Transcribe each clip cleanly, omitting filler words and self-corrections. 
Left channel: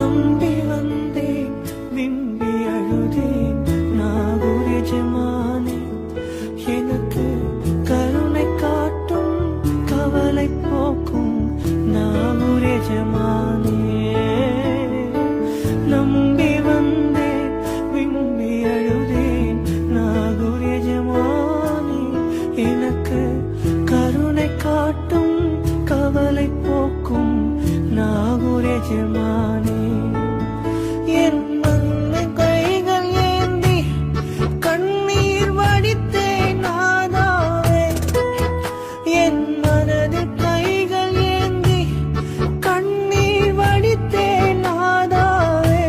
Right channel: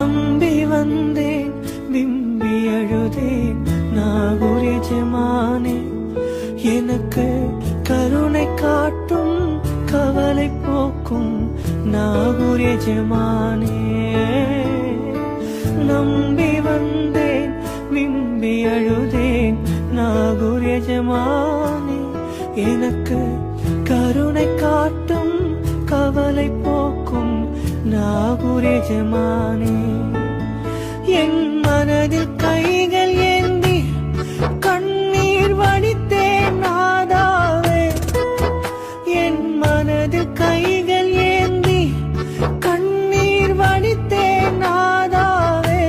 நம்பி வந்தேன் விம்பி அழுதேன் நாகூர் எஜமானே எனக்கு கருணை காட்டும் கவலை போக்கும் நாகூர் எஜமானே நம்பி வந்தேன் விம்பி அழுதேன் நாகூர் எஜமானே எனக்கு கருணை காட்டும் கவலை போக்கும் நாகூர் எஜமானே என் மனதில் கைகள் ஏந்தி கண்ணீர் வடித்தேன் நாதாவே என் மனதில் கைகள் ஏந்தி கண்ணீர் வடித்தேன் நாதாவே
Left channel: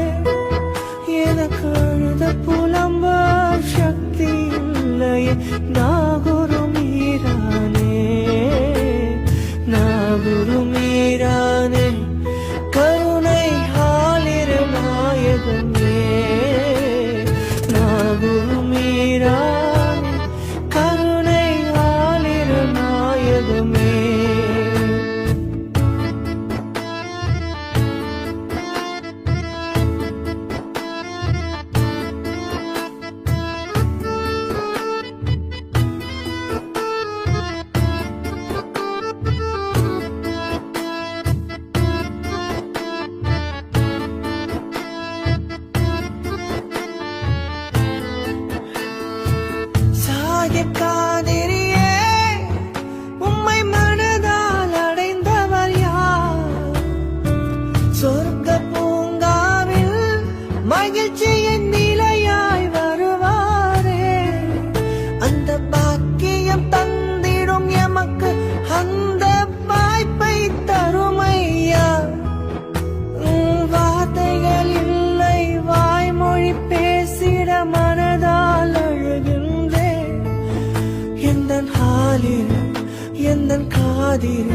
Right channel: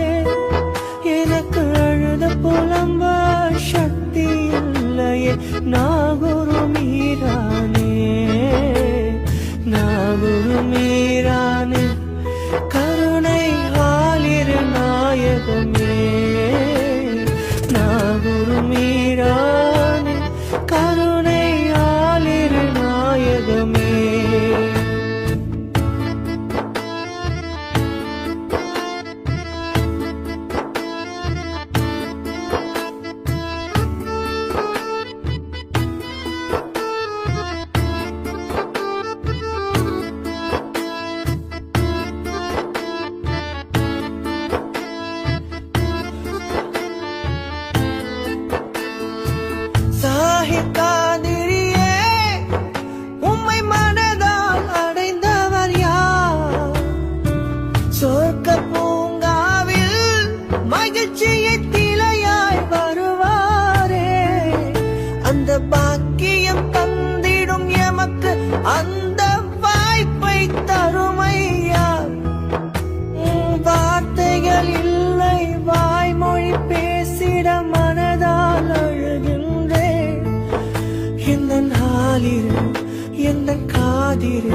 எனக்கு அழுத புலம்ப சக்தி இல்லையே நாகூர் மீரானே நாகூர் மீரானே கருணை ஆலிர நாயகமே நாகூர் மீரானே கருணை ஆலிர நாயகமே சாஹிப்காதிரியே உம்மை மனதால் அடைந்தவர் யார் சொர்க்க பூங்காவில் மகிழ்ச்சியின் நிலையாய் வருவாரே அந்த பாக்கியம் தந்திடும் எமக்கு அந்த வாய்ப்பை தருமையா வார்த்தைகள் இல்லை வாய்மொழி பேசிட மனதால் அழுகின்றேன் எந்தன் காதில்